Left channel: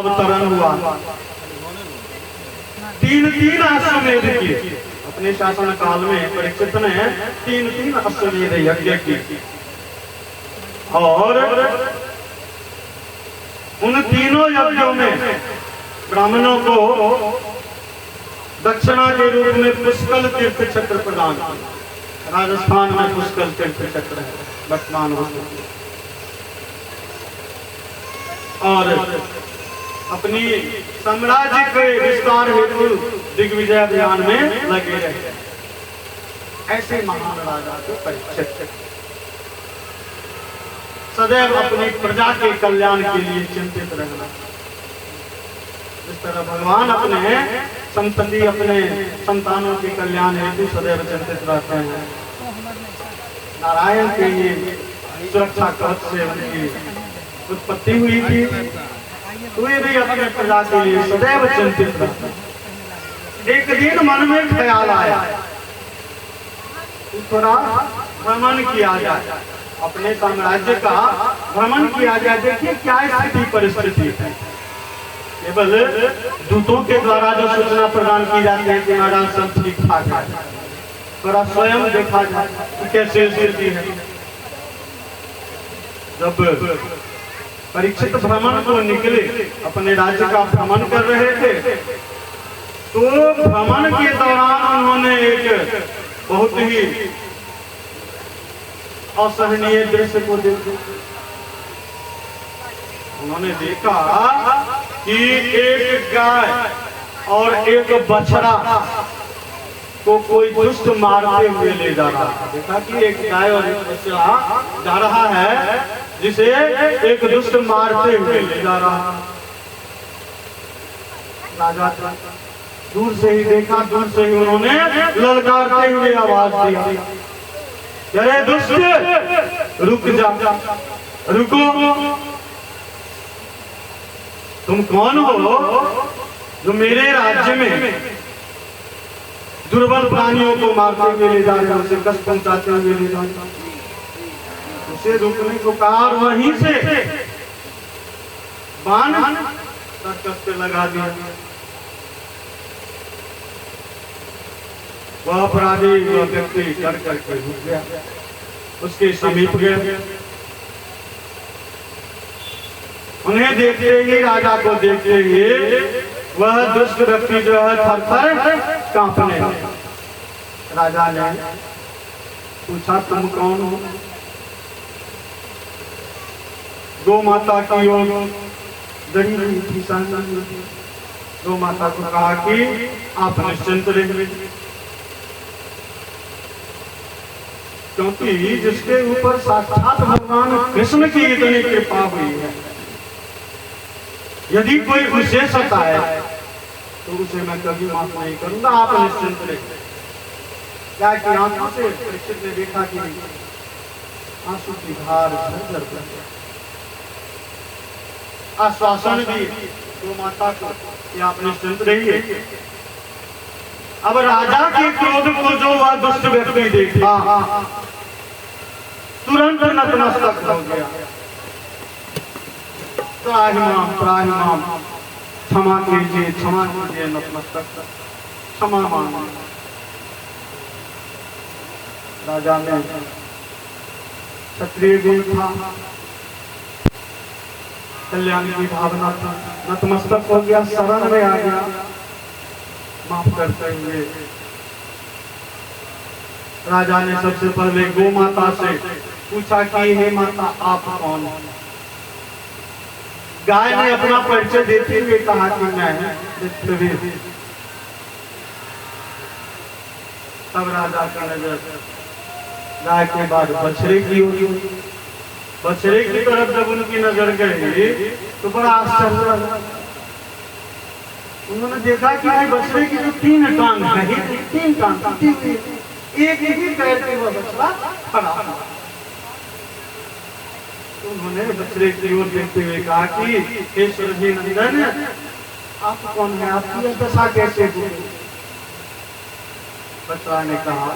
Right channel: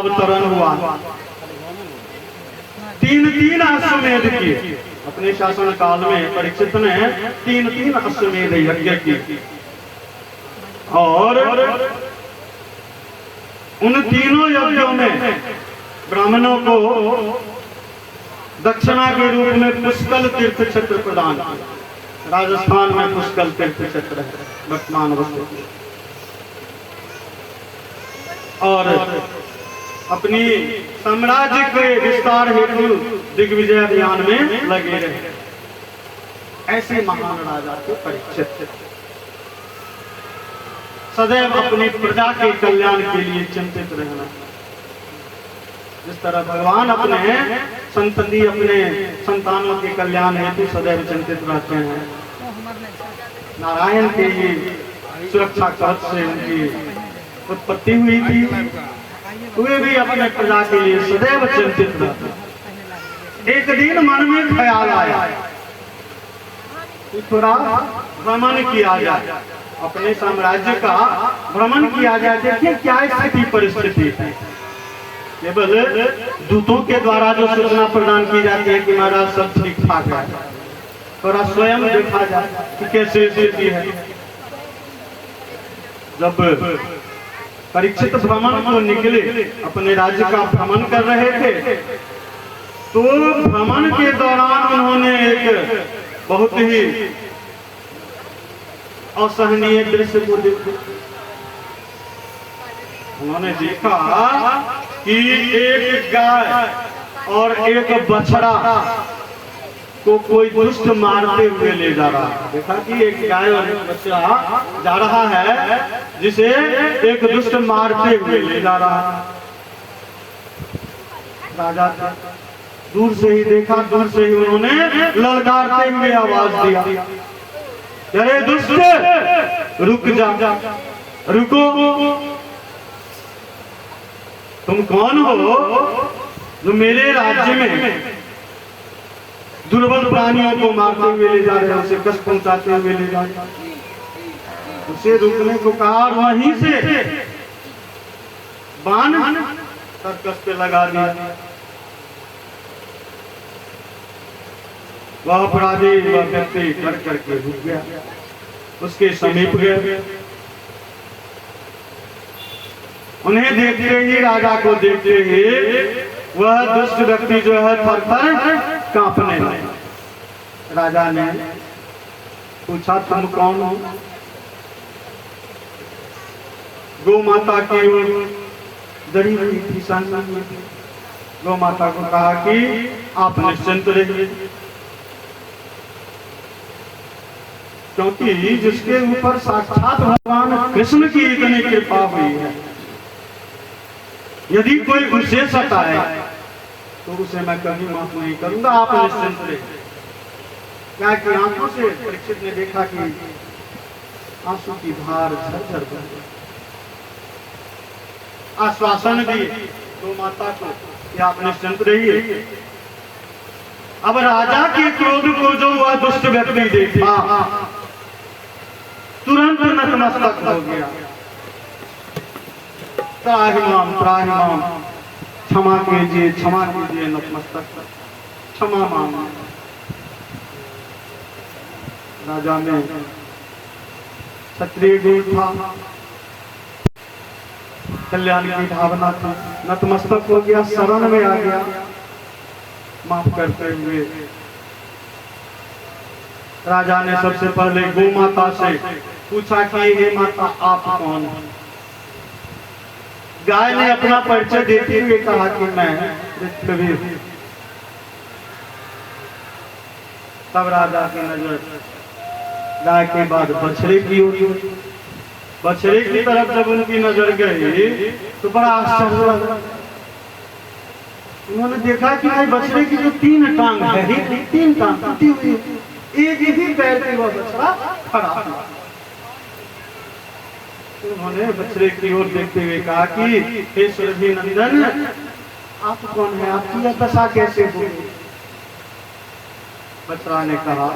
अवतरण हुआ। तीन तीन अश्वमेध किए अपने शासन काल में। परीक्षित ने तीन तीन अश्वमेध यज्ञ किए और उन तीनों यज्ञों में ब्राह्मणों को दक्षिणा के रूप में पुष्कल तीर्थ क्षेत्र प्रदान किया। राजस्थान में पुष्कल तीर्थ क्षेत्र है वर्तमान वक्त। और अपनी साम्राज्य के विस्तार हेतु दिग्विजय अभियान में लगे रहे। ऐसे महान राजा को परीक्षित सदैव अपनी प्रजा के कल्याण के लिए चिंतित रहना। जिस तरह भगवान अपने संतति अपने संतानों के कल्याण हेतु सदैव चिंतित रहते हैं, नारायण के ये सुरक्षा कवच से उनकी उत्पत्ति हुई थी, वे भी अपने प्रजा के लिए सदैव चिंतित रहते। एक दिन मन में ख्याल आया कि थोड़ा भ्रमण किया जाए, अपने साम्राज्य का भ्रमण किया जाए। देखिए क्या स्थिति परिस्थिति है। केवल दूतों के द्वारा जो सूचना प्रदान की जाती है कि महाराज सब ठीक ठाक है, थोड़ा स्वयं देखा जाए कि कैसे स्थिति है। जब परीक्षित भ्रमण को निकले, अपने राज्य का भ्रमण कर रहे थे, तो भ्रमण के दौरान उन्होंने एक बहुत ही असहनीय दृश्य को देखा। उन्होंने देखा कि एक गाय और एक बछड़ा को कोई दुष्ट मारते हुए ले जा रहा है। देखा कि एक गाय और एक बछड़ा जा रहा है, जिसे एक दुष्ट मारते हुए ले जा रहा है। राजा दूर से ही देखा, दूर से ही उन्होंने ललकारते हुए आवाज दिया, ये दुष्ट रुक जा, रुको। तुम कौन हो जो मेरे राज्य में दुर्बल प्राणियों को मारते हुए ले जा रहे हो, उसे कष्ट पहुंचाते हुए ले जा रहे हो। उसे रुकने को कहा और वहीं से बाण सर्कस पे लगा दिया। वह अपराधी वह व्यक्ति डर करके रुक गया, उसके समीप गए। उन्हें देखते ही, राजा को देखते ही वह दुष्ट व्यक्ति जो है थर-थर कांपने लगा। राजा ने पूछा, तुम कौन हो? गौ माता की ओर डरी हुई थी, संग गौ माता को कहा कि आप निश्चिंत रहिए, क्योंकि जिसके ऊपर साक्षात भगवान कृष्ण की इतनी कृपा हुई है, यदि कोई मुझे सताए तो उसे मैं कभी माफ नहीं करूंगा। आप निश्चिंत रहिए। क्या कि आंखों से परीक्षित ने देखा कि आंसू की धार झरझर कर गई। आश्वासन दी तो माता को कि आप निश्चिंत रहिए। अब राजा के क्रोध को जो वह दुष्ट व्यक्ति देखा, तुरंत नतमस्तक हो गया। त्राहिमाम त्राहिमाम, क्षमा कीजिए, क्षमा कीजिए, नतमस्तक क्षमा मांगा। राजा में क्षत्रिय गुण था, कल्याण की भावना थी, नतमस्तक हो गया, शरण में आ गया, माफ करते हुए। राजा ने सबसे पहले गौ माता से पूछा कि हे माता आप कौन हैं? गाय ने अपना परिचय देते हुए कहा कि मैं पृथ्वी। तब राजा की नजर गाय के बाद बछड़े की ओर, बछड़े की तरफ जब उनकी नजर गई तो बड़ा आश्चर्य लगा। उन्होंने देखा कि भाई बछड़े की जो तीन टांग है, तीन टांग टूटी हुई, एक ही पैर पे वह बछड़ा खड़ा हुआ। उन्होंने बछड़े की ओर देखते हुए कहा कि हे सुरभि नंदन, आप कौन है? आपकी यह दशा कैसे हुई? बछड़ा ने कहा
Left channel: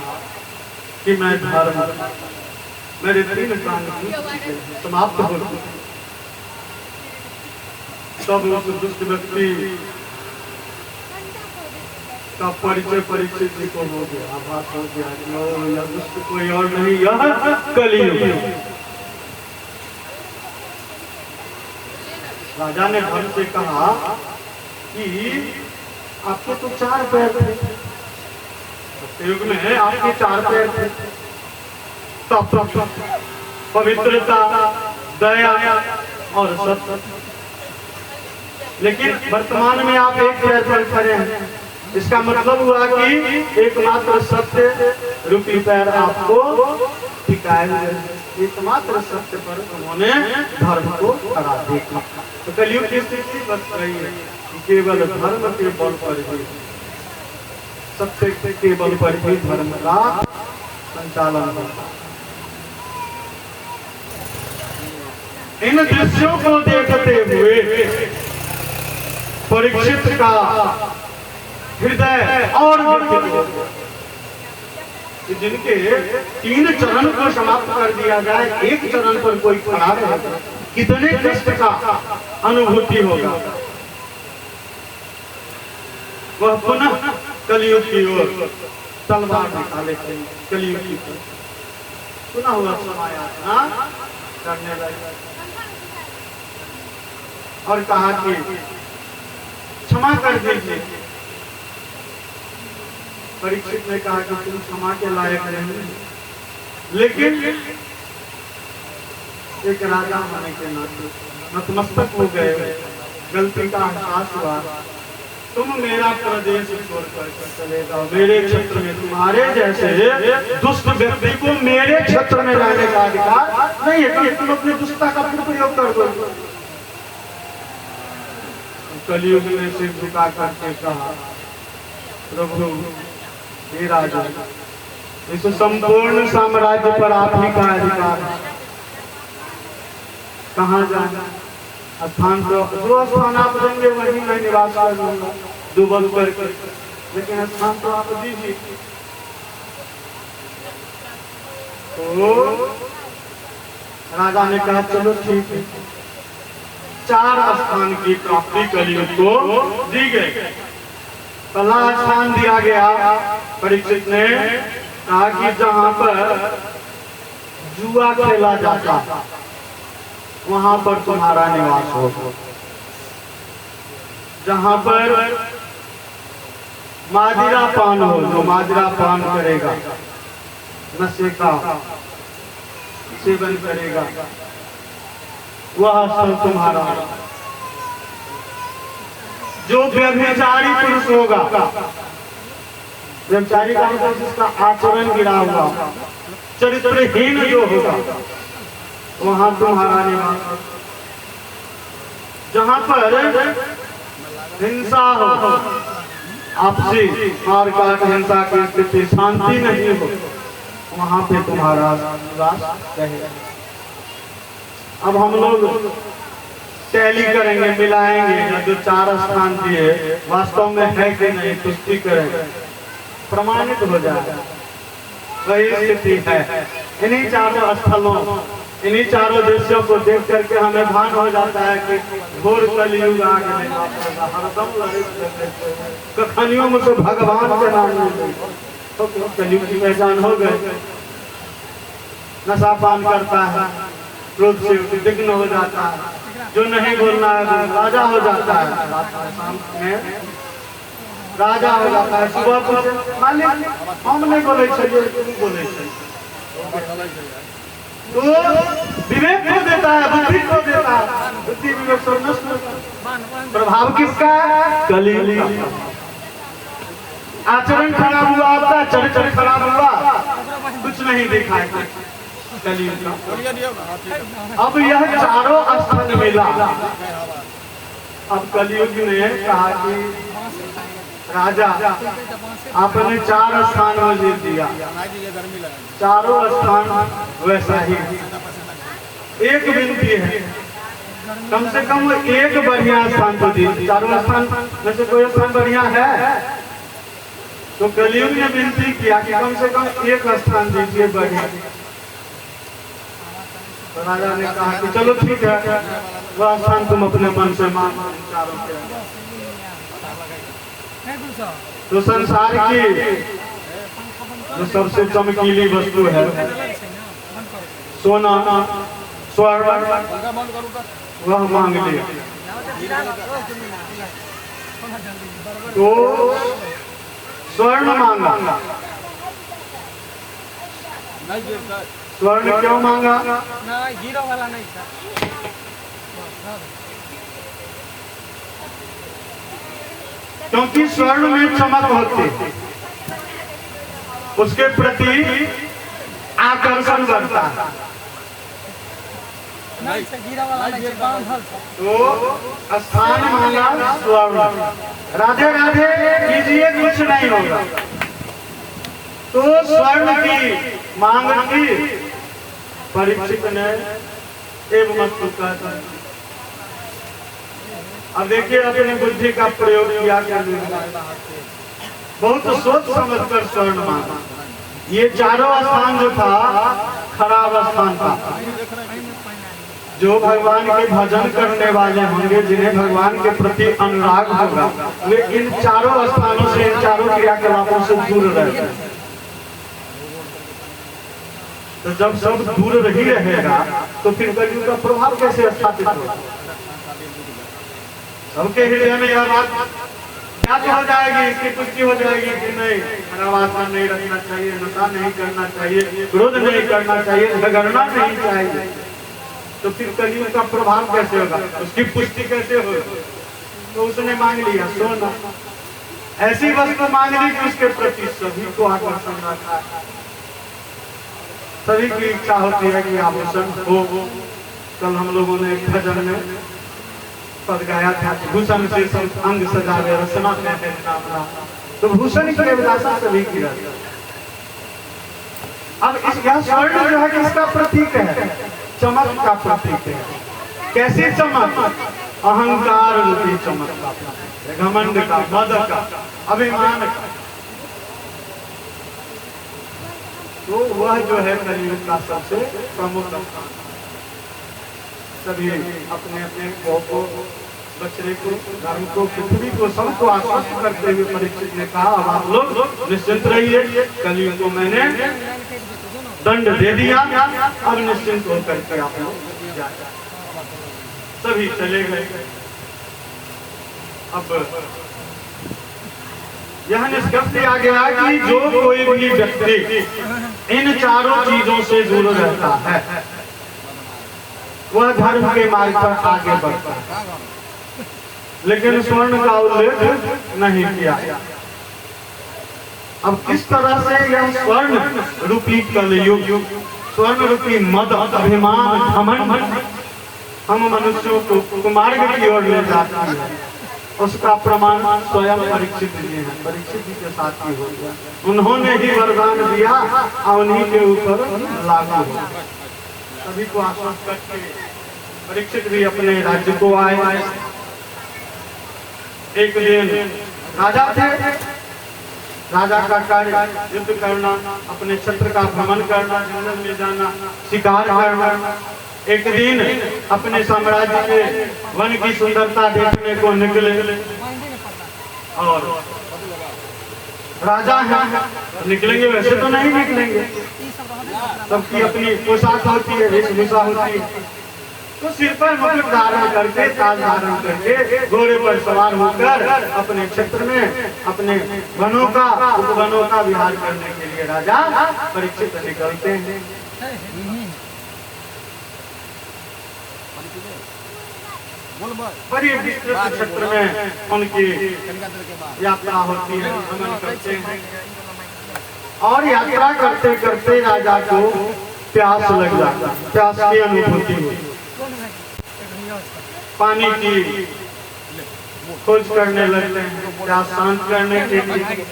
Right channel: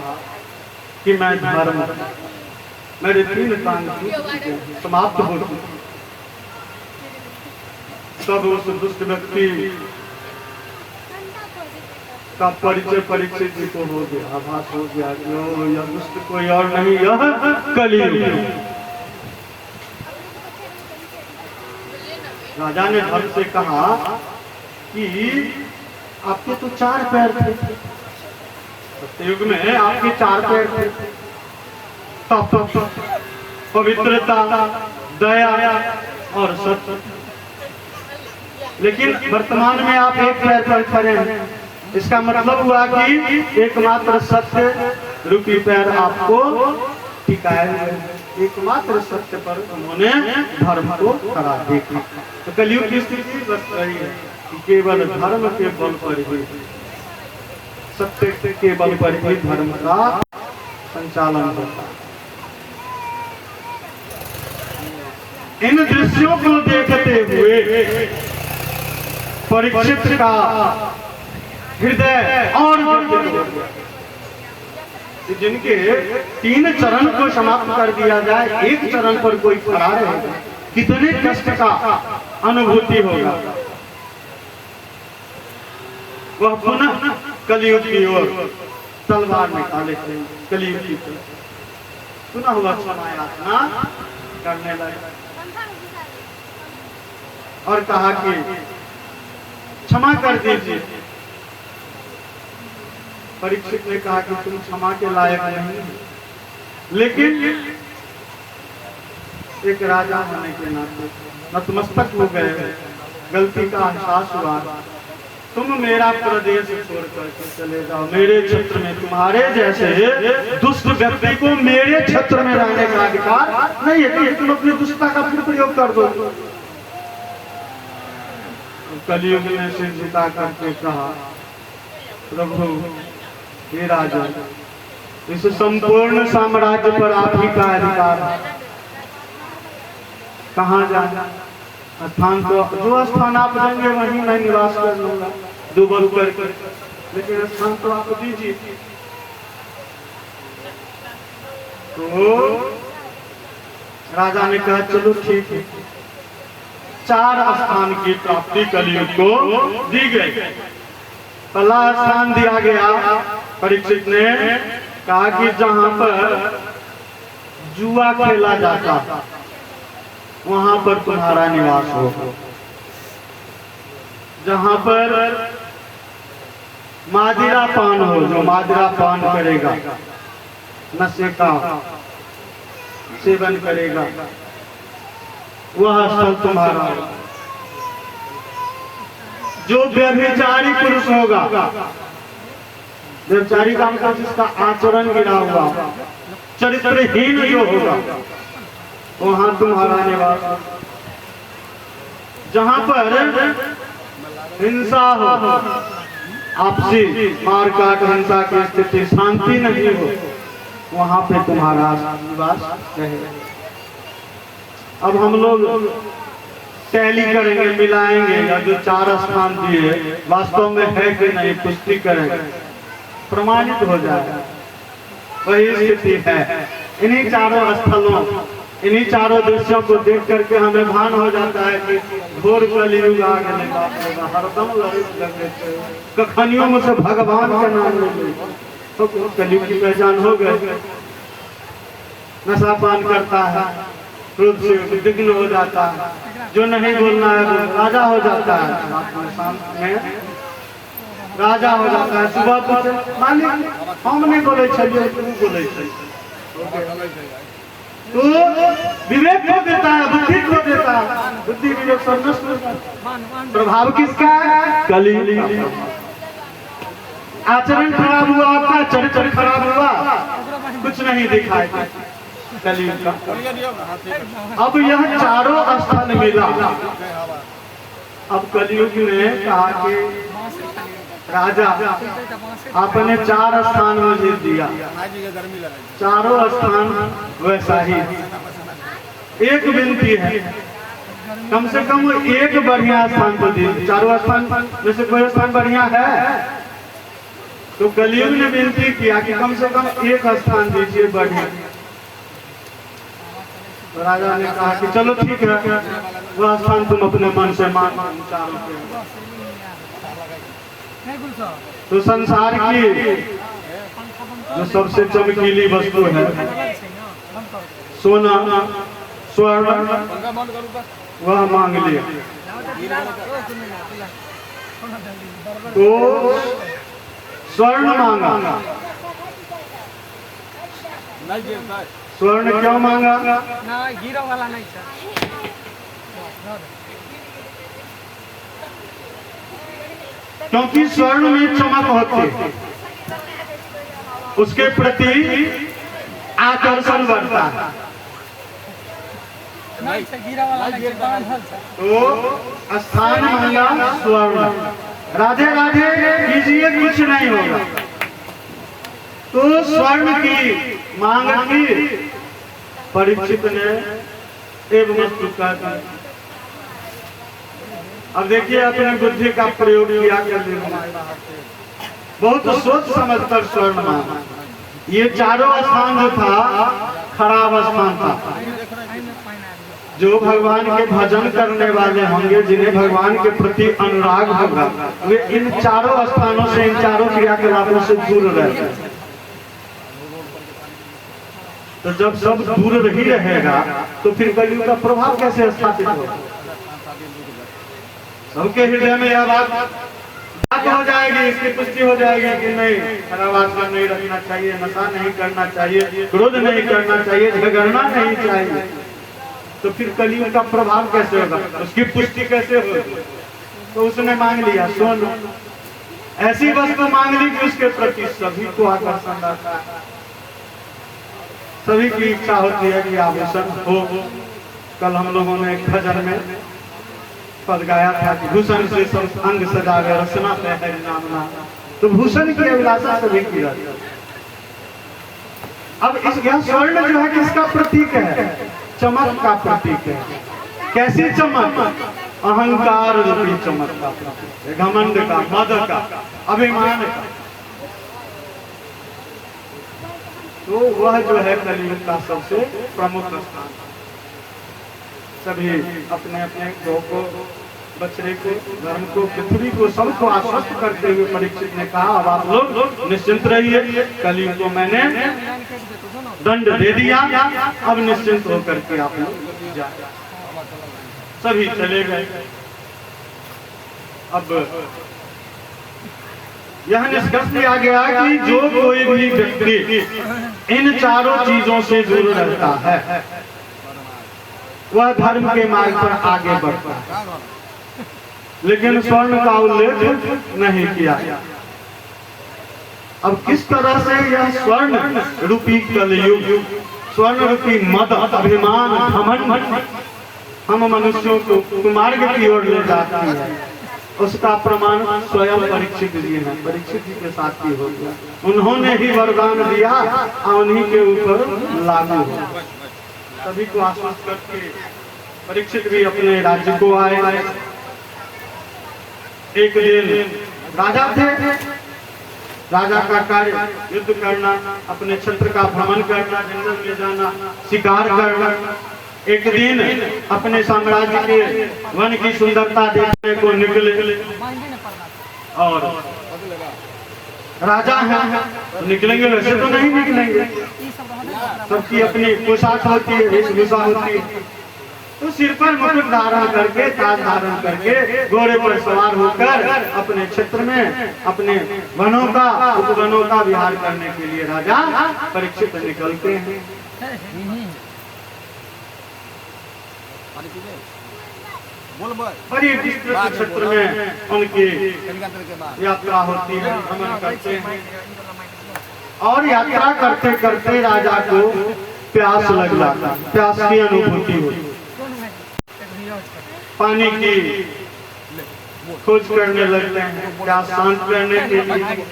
कि मैं धर्म, मेरे तीन काम समाप्त हो गए। तब उस दुष्ट व्यक्ति का परिचय परीक्षित जी को हो गया, आभास हो गया कि यह दुष्ट कोई और नहीं, यह कलयुग है। राजा ने धर्म से कहा कि आपके तो 4 पैर थे, युग में आपके 4 पैर थे, तप, पवित्रता, दया और सत्य, लेकिन वर्तमान में आप 1 पैर पर खड़े हैं। इसका मतलब हुआ कि एकमात्र सत्य रूपी पैर आपको टिकाए हुए, एकमात्र सत्य पर उन्होंने धर्म को खड़ा देखा। तो कलयुग की स्थिति बस रही है कि केवल धर्म के बल पर ही, सत्य के बल पर ही धर्म का संचालन होता है। इन दृश्यों को देखते हुए परीक्षित का हृदय और जिनके 3 चरण को समाप्त कर दिया जाए, 1 चरण पर कोई खड़ा रहेगा, कितने कष्ट का अनुभूति होगा। वह पुनः कलयुग की ओर तलवार निकाले थे, कलयुग की पुनः हुआ क्षमा याचना करने लगे और कहा कि क्षमा कर दीजिए। परीक्षित ने कहा कि तुम क्षमा के लायक नहीं, लेकिन एक राजा होने के नाते नतमस्तक हो गए, गलती का एहसास हुआ। तुम मेरा प्रदेश छोड़ करके चले जाओ, मेरे क्षेत्र में तुम्हारे जैसे दुष्ट व्यक्ति को मेरे क्षेत्र में रहने का अधिकार नहीं है, तुम अपनी दुष्टता का प्रयोग कर दो। कलयुग में सिर झुका करके कहा, प्रभु हे राजा, इस संपूर्ण साम्राज्य पर आप ही का अधिकार है, कहाँ जाए स्थान, तो जो स्थान आप देंगे वहीं मैं निवास कर लूंगा, जो बल कर, लेकिन स्थान तो आप दीजिए। तो राजा ने कहा चलो ठीक है, 4 स्थान की प्राप्ति कलयुग को दी गई। पहला स्थान दिया गया, परीक्षित ने कहा कि जहां पर जुआ खेला जाता वहां पर तुम्हारा निवास हो, जहां पर मादिरा पान हो, जो मादिरा पान करेगा, नशे का सेवन करेगा, वह स्थल तुम्हारा। जो व्यभिचारी पुरुष होगा, व्यभिचारी का मतलब जिसका आचरण गिरा हुआ, चरित्रहीन जो होगा, वहां तुम्हारा निवास। जहां पर हिंसा हो, आपसी मारकाट हिंसा की स्थिति, शांति नहीं हो, वहां पे तुम्हारा निवास रहेगा। अब हम लोग टैली करेंगे, मिलाएंगे, जो 4 स्थान दिए वास्तव में है कि नहीं पुष्टि करेंगे, प्रमाणित हो जाएगा। वही स्थिति है। इन्हीं 4 स्थलों, इन्हीं 4 दृश्यों को देख करके हमें भान हो जाता है कि घोर कलयुग आ गया, कखनियों मुझे भगवान के नाम में तो कलयुग की पहचान हो गई। नशा पान करता है, क्रोध से उद्विग्न हो जाता है, जो नहीं बोलना है वो राजा हो जाता है, में राजा हो जाता है। सुबह कुछ मालिक हम नहीं बोले चलिए, तुम बोले तो विवेक को देता है, बुद्धि को देता है, बुद्धि विवेक सब नष्ट। प्रभाव किसका है? कलयुग। आचरण खराब हुआ, आपका चरित्र खराब हुआ, कुछ नहीं दिखाई कलयुग का। अब यह 4 स्थान मिला। अब कलयुग में कहा कि राजा आपने 4 स्थान मुझे दिया, 4 स्थान वैसा ही। एक विनती है, कम से कम एक बढ़िया स्थान तो दीजिए। 4 स्थान में से कोई स्थान बढ़िया है? तो कलयुग ने विनती किया कि कम से कम एक स्थान दीजिए बढ़िया। तो राजा ने कहा कि चलो ठीक है, वह स्थान तुम अपने मन से मान। तो संसार की जो सबसे चमकीली वस्तु है, सोना स्वर्ण, वह मांग ले। तो स्वर्ण मांगा। स्वर्ण क्यों मांगा? ना हीरो वाला नहीं था। क्योंकि स्वर्ण में चमक होती, उसके प्रति आकर्षण बढ़ता है। तो स्थान मांगा स्वर्ण। राधे राधे कीजिए, कुछ नहीं होगा। तो स्वर्ण की मांग की परीक्षित ने एवं वस्तु कर। अब देखिए अपने बुद्धि का प्रयोग किया कर, बहुत सोच समझ कर स्वर्ण मांगा। ये चारों स्थान जो था खराब स्थान था। जो भगवान के भजन करने वाले होंगे, जिन्हें भगवान के प्रति अनुराग होगा, वे इन चारों स्थानों से, इन चारों क्रियाकलापों से दूर रहते हैं। तो जब सब दूर ही रहेगा तो फिर कलयुग का प्रभाव कैसे स्थापित होगा? सबके हृदय में यह बात ज्ञात हो जाएगी, इसकी पुष्टि हो जाएगी कि नहीं, खराब आत्मा नहीं रखना चाहिए, नशा नहीं करना चाहिए, क्रोध नहीं करना चाहिए, झगड़ना नहीं चाहिए। तो फिर कलयुग का प्रभाव कैसे होगा, उसकी पुष्टि कैसे होगी? तो उसने मांग लिया सोना। ऐसी वस्तु मांग ली कि उसके प्रति सभी को आकर्षण आता है। सभी की इच्छा होती है कि आभूषण हो। कल हम लोगों ने एक भजन में पद गाया था, भूषण से सब अंग सजा कर रसना है नामना। तो भूषण की अभिलाषा सभी की रहती है। अब इस यह स्वर्ण जो है किसका प्रतीक है? चमक का प्रतीक है। कैसी चमक? अहंकार रूपी चमक का प्रतीक है, घमंड का, मद का, अभिमान का। तो वह जो है कलयुग का सबसे प्रमुख स्थान। सभी अपने अपने गौ को, बछड़े को, गाय को, पृथ्वी को, सबको आश्वस्त करते हुए परीक्षित ने कहा, अब आप लोग निश्चिंत रहिए, कलयुग को मैंने दंड दे दिया, अब निश्चिंत होकर के आप लोग जाए। सभी चले गए। अब यह निष्कर्ष लिया गया कि जो कोई भी व्यक्ति इन चारों चीजों से दूर रहता है, वह धर्म के मार्ग पर आगे बढ़ता है। लेकिन स्वर्ण का उल्लेख नहीं किया। अब किस तरह से यह स्वर्ण रूपी कलयुग, स्वर्ण रूपी मद, अभिमान, घमंड हम मनुष्यों को कुमार्ग की ओर ले जाती है, उसका प्रमाण स्वयं परीक्षित जी है। परीक्षित जी के साथ ही हो गया। उन्होंने ही वरदान दिया और उन्हीं के ऊपर लागू हुआ। सभी को आश्वस्त करके परीक्षित भी अपने राज्य को आए। एक दिन राजा थे, राजा का कार्य युद्ध करना, अपने क्षेत्र का भ्रमण करना, जंगल में जाना, शिकार करना। एक दिन अपने साम्राज्य के वन की सुंदरता देखने को निकले और राजा हैं, निकलेंगे वैसे तो नहीं निकलेंगे, सबकी अपनी पोशाक होती है, वेशभूषा होती है। तो सिर पर मुकुट धारण करके, ताज धारण करके, घोड़े पर सवार होकर अपने क्षेत्र में, अपने वनों का, उपवनों का विहार करने के लिए राजा परीक्षित निकलते हैं। बड़ी क्षेत्र में उनकी यात्रा होती है, भ्रमण करते हैं। और यात्रा करते करते राजा को प्यास लग जाता, प्यास की अनुभूति हुई। पानी की खोज करने लगते हैं, प्यास शांत करने के लिए।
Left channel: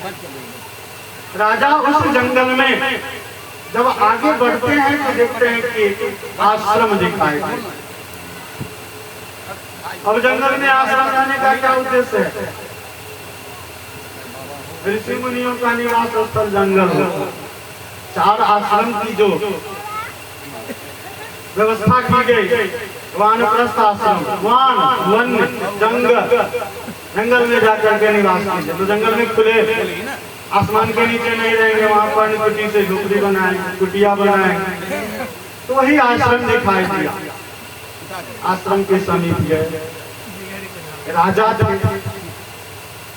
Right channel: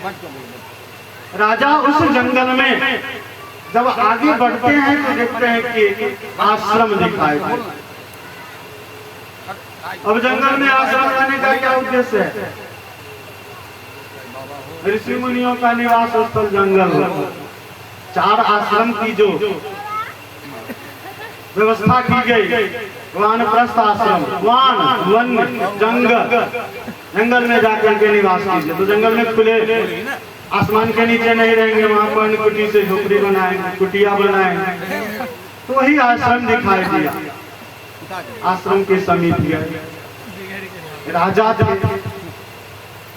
राजा उस जंगल में जब आगे बढ़ते हैं तो देखते हैं कि आश्रम दिखाई देता है। अब जंगल में आश्रम जाने का क्या उद्देश्य है? ऋषि मुनियों का निवास स्थल जंगल हो। 4 आश्रम की जो व्यवस्था की गई। वानप्रस्थ आश्रम, वान वन जंगल में जाकर के निवास कीजिए। तो जंगल में खुले आसमान के नीचे नहीं रहेंगे, वहां पर कुटी से झोपड़ी बनाए, कुटिया बनाए। तो वही आश्रम दिखाई दिया। आश्रम के समीप गए, राजा थे,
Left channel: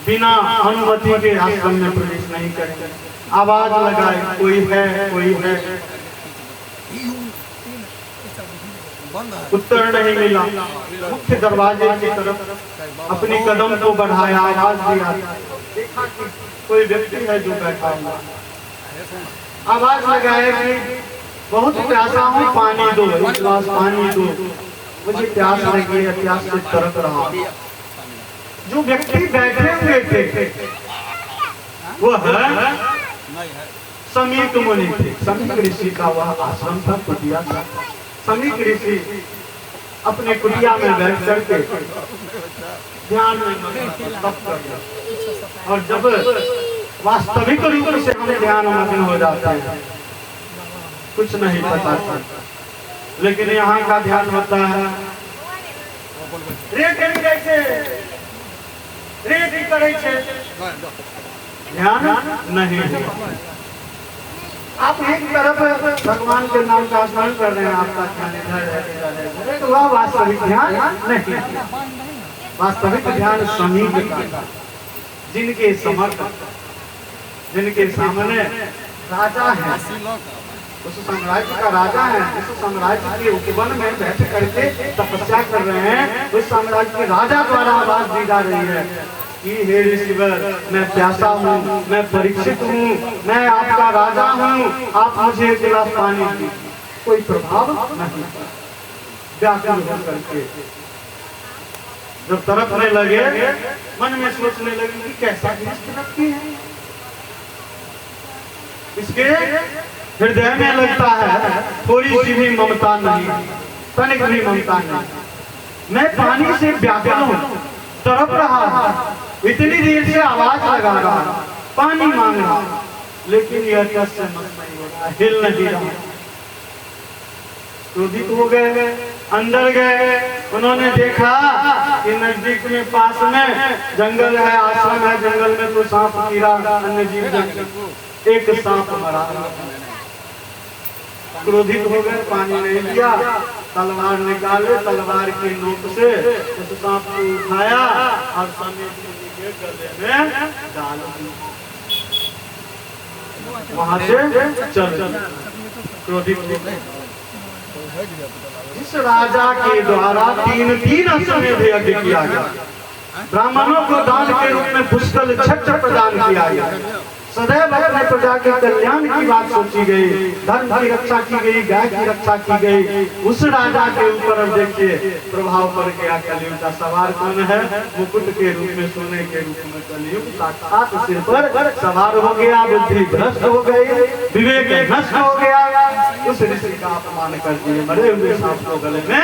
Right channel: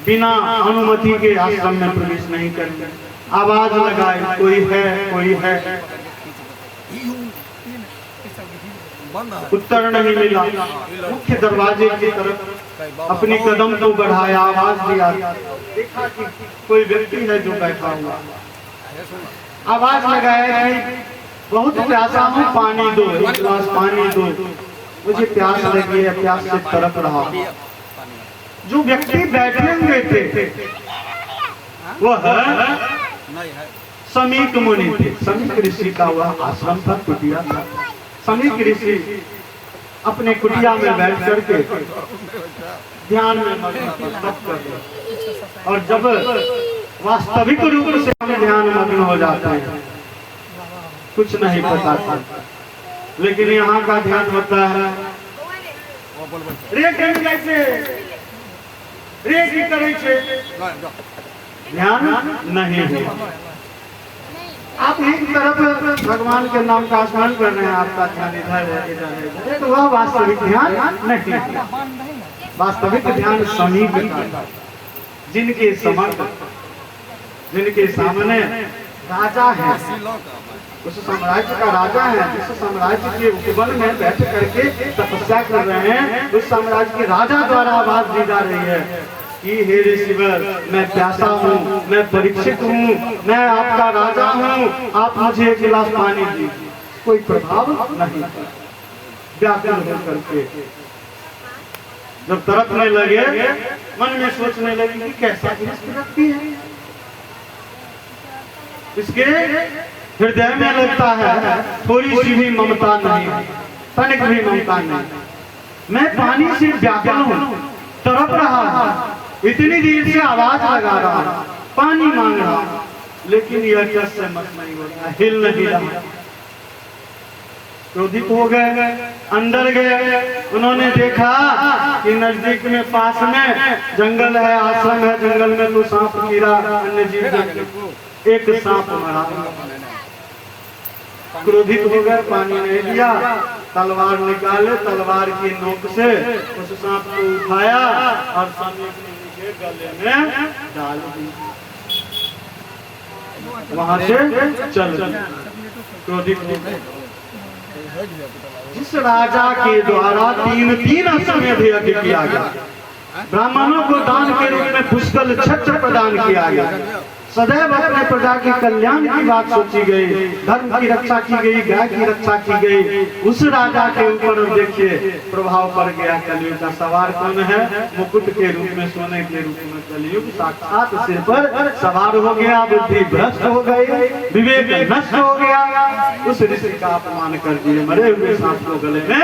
बिना अनुमति के आश्रम में प्रवेश नहीं करेंगे। आवाज लगाए, कोई है, कोई है, उत्तर नहीं मिला। मुख्य दरवाजे की तरफ अपनी कदम को बढ़ाया, आवाज दिया, देखा कि कोई व्यक्ति है जो बैठा हुआ। आवाज लगाया कि बहुत प्यासा हूँ, पानी दो, एक गिलास पानी दो, मुझे प्यास लगी है, प्यास से तड़प रहा। जो व्यक्ति बैठे हुए थे वो है समीक मुनि थे। समीक ऋषि का वह आश्रम था, कुटिया था। समीक ऋषि अपने कुटिया में बैठ करके ध्यान में और जब वास्तविक रूप से अपने ध्यान मग्न हो जाते हैं कुछ नहीं पता था, लेकिन यहाँ का ध्यान होता है ध्यान नहीं है। आप एक तरफ भगवान के नाम का स्मरण कर रहे हैं, आपका ध्यान इधर है, तो वह वास्तविक ध्यान नहीं। वास्तविक ध्यान समीक का, जिनके समर्थ, जिनके सामने राजा है, उस साम्राज्य का राजा है, उस साम्राज्य के उपवन में बैठ करके तपस्या कर रहे हैं, उस साम्राज्य के राजा द्वारा आवाज दी जा रही है कि हे ऋषिवर, मैं प्यासा हूँ, मैं परीक्षित हूँ, मैं आपका राजा हूँ, आप मुझे एक गिलास पानी दीजिए। कोई प्रभाव नहीं, व्याकुल होकर के जब तड़पने लगे, मन में सोचने लगे कि कैसा व्यक्ति है, इसके हृदय में लगता है थोड़ी सी भी ममता नहीं, तनिक भी ममता नहीं। मैं पानी से व्याकुल हूँ, तड़प रहा है, इतनी देर से आवाज लगा रहा, पानी मांग रहा, लेकिन यह कष्ट से मत नहीं हो रहा, हिल नहीं रहा। क्रोधित हो गए, अंदर गए, उन्होंने देखा कि नजदीक में पास में जंगल है, आश्रम है, जंगल में तो सांप, कीड़ा, अन्य जीव जंतु, एक सांप मरा। क्रोधित हो गए, पानी नहीं दिया, तलवार निकाले, तलवार की नोक से उस सांप को उठाया और समीप के गले में डाल दिया, वहां से चल। क्रोधित जिस राजा के द्वारा तीन अश्वमेध यज्ञ किया गया, ब्राह्मणों को दान के रूप में पुष्कल छत्र प्रदान किया गया, सदैव अपने प्रजा के कल्याण की बात सोची गई, धर्म की रक्षा की गई, गाय की रक्षा की गई, उस राजा के ऊपर अब देखिए प्रभाव पड़ गया। कलयुग का सवार कौन है? मुकुट के रूप में, सोने के रूप में कलयुग साक्षात सिर पर सवार हो गया। बुद्धि भ्रष्ट हो गई, विवेक नष्ट हो गया, उस ऋषि का अपमान कर दिए, मरे हुए सांप को गले में।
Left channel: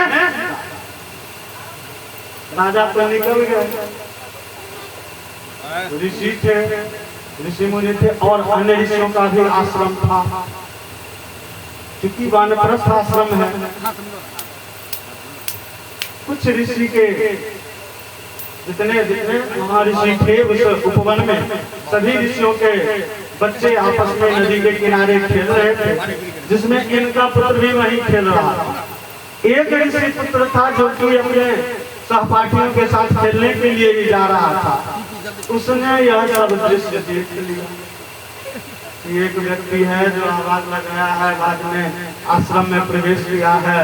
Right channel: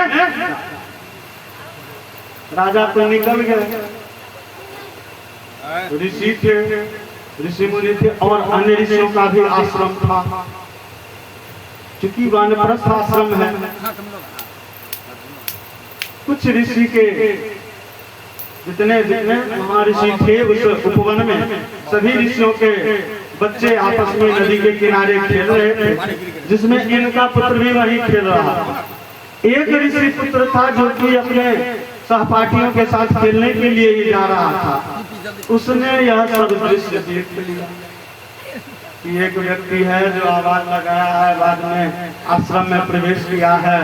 राजा तो निकल गया, ऋषि थे, ऋषि मुनि थे और अन्य ऋषियों का भी आश्रम था। चूंकि वानप्रस्थ आश्रम है, कुछ ऋषि के जितने वहाँ ऋषि थे उस उपवन में, सभी ऋषियों के बच्चे आपस में नदी के किनारे खेल रहे थे, जिसमें इनका पुत्र भी वहीं खेल रहा था। एक ऋषि पुत्र था जो कि अपने सहपाठियों के साथ खेलने के लिए ही जा रहा था। उसने यह सब दृश्य देख लिया कि एक व्यक्ति है जो आवाज लगाया है, बाद में आश्रम में प्रवेश किया है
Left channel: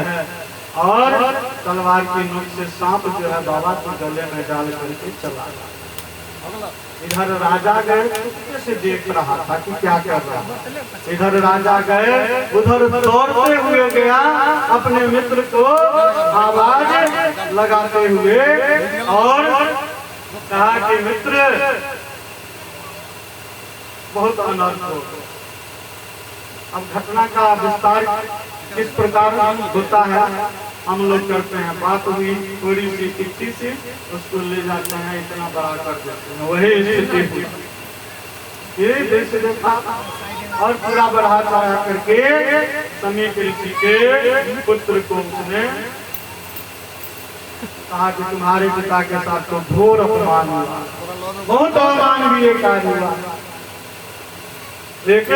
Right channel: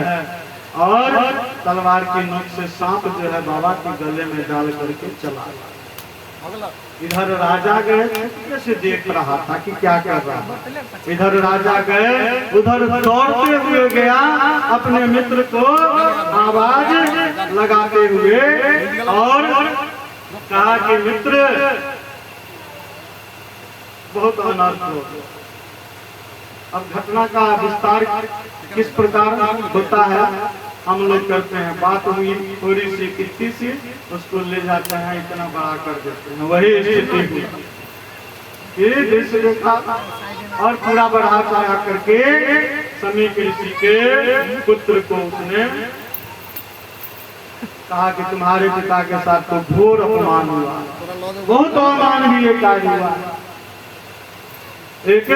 और तलवार की नोक से सांप जो है बाबा के गले में डाल करके चला गया। इधर राजा गए, कैसे देख रहा था कि क्या कर रहा है। इधर राजा गए, उधर दौड़ते हुए गया, अपने मित्र को आवाज लगाते हुए और कहा कि मित्र बहुत अनर्थ हो गया। अब घटना का विस्तार किस प्रकार होता है हम लोग करते हैं। बात हुई थोड़ी सी कितनी सी, उसको ले जाते हैं, इतना बड़ा कर देते हैं। वही स्थिति ये देखा और पूरा बढ़ा चढ़ा करके समीप ऋषि के पुत्र को उसने कहा कि तुम्हारे पिता के साथ तो घोर अपमान हुआ, बहुत अमानवीय कार्य हुआ। एक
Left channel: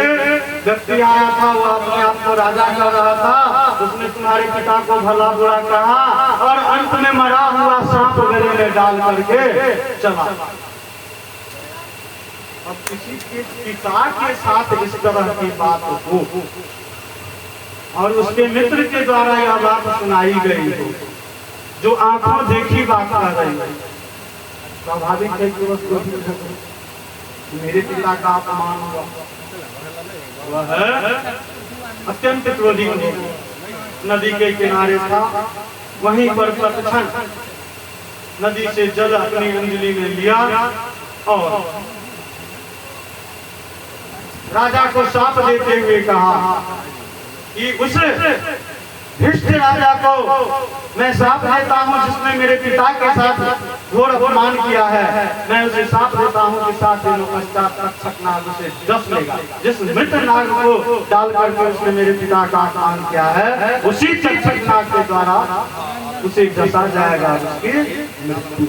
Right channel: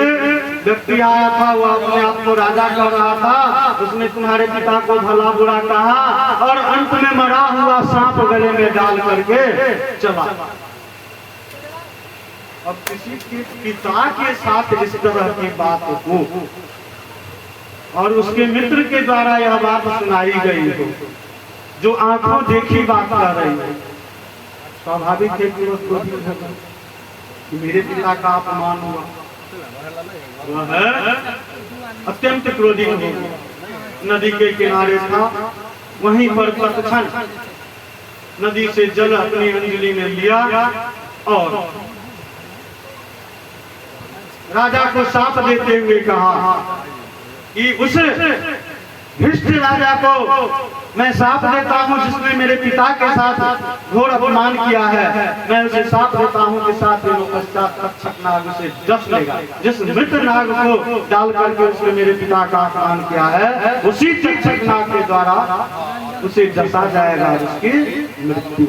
व्यक्ति आया था, वो अपने आप को राजा कह रहा था, उसने तुम्हारे पिता को भला बुरा कहा और अंत में मरा हुआ सांप गले में डाल करके चला। अब किसी के पिता के साथ इस तरह की बात हो और उसके मित्र के द्वारा यह बात सुनाई गई हो, जो आंखों देखी बात कर रही है, स्वाभाविक है कि उसको मेरे पिता का अपमान हुआ। वह अत्यंत क्रोधी नदी के किनारे था, वहीं पर तत्क्षण नदी से जल अपनी अंजलि में लिया और राजा को साथ देते हुए कहा कि उस भ्रष्ट राजा को मैं साथ देता हूँ जिसने मेरे पिता के साथ घोर अपमान किया है। मैं उसे साथ देता हूँ कि 7 दिनों पश्चात तक्षक नाग उसे डस लेगा। जिस मृत नाग को डाल करके उसने मेरे पिता का अपमान किया है, उसी तक्षक नाग के द्वारा उसे डसा जाएगा और उसकी मृत्यु।